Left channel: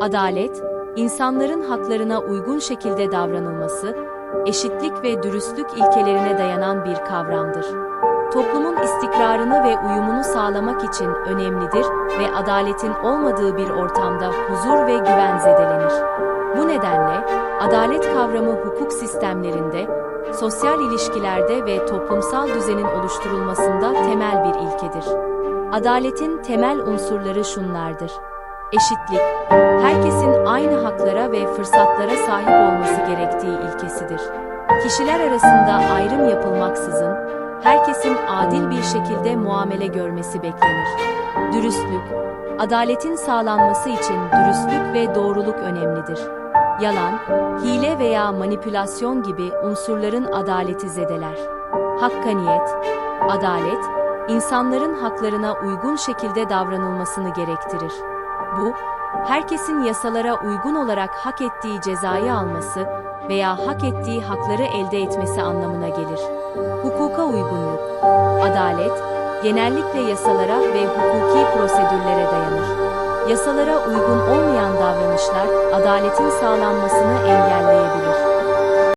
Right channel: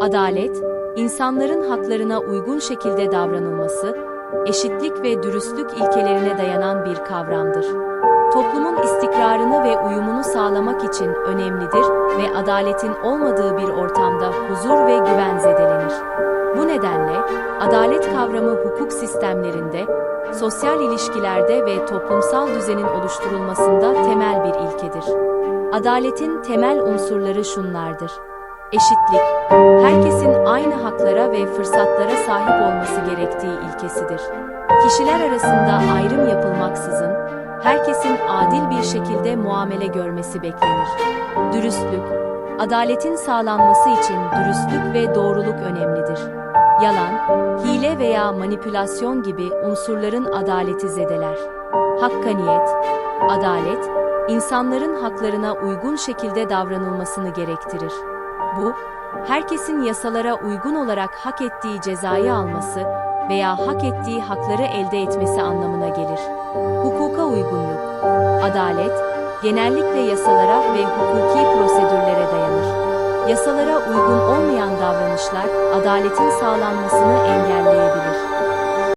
Adalet, insanların haklarına uygun şekilde davranılması, eşitlik ve dürüstlük ilkelerine dayanan bir kavramdır. Toplumun istikrarını ve uyumunu sağlamak için önemlidir ve adaletin olmadığı bir ortamda huzur ve güven zedelenir. Bu nedenle adalet kavramı hukuk sistemlerinde, sosyal ilişkilerde ve toplumsal düzenin oluşturulmasında temel bir ilkedir. Adaletin temel unsurları şunlardır. Eşitlik, herkesin aynı haklara ve fırsatlara sahip olması gerektiği ilkesidir. Kişiler arasında ayrım yapılmaksızın, herkesin adil bir şekilde muamele görmesi beklenir. Dürüstlük, adaletin sağlanması için dürüstlük ve doğruluk önemlidir. Yalan, hile veya manipülasyon gibi unsurların adaleti zedeler. Hakkaniyet, adalet, insanların haklarına uygun şekilde davranılmasını gerektirir. Bu, herkesin yasalara uygun olarak hak ettiği cezayı alması veya hak ettiği hakları elde etmesi anlamına gelir. Hukuka uygunluk, adalet, genellikle yasalara ve hukuki prosedürlere dayanır. Yasalara uygun olmayan davranışlar adaletin sağlanmasını engelleyebilir.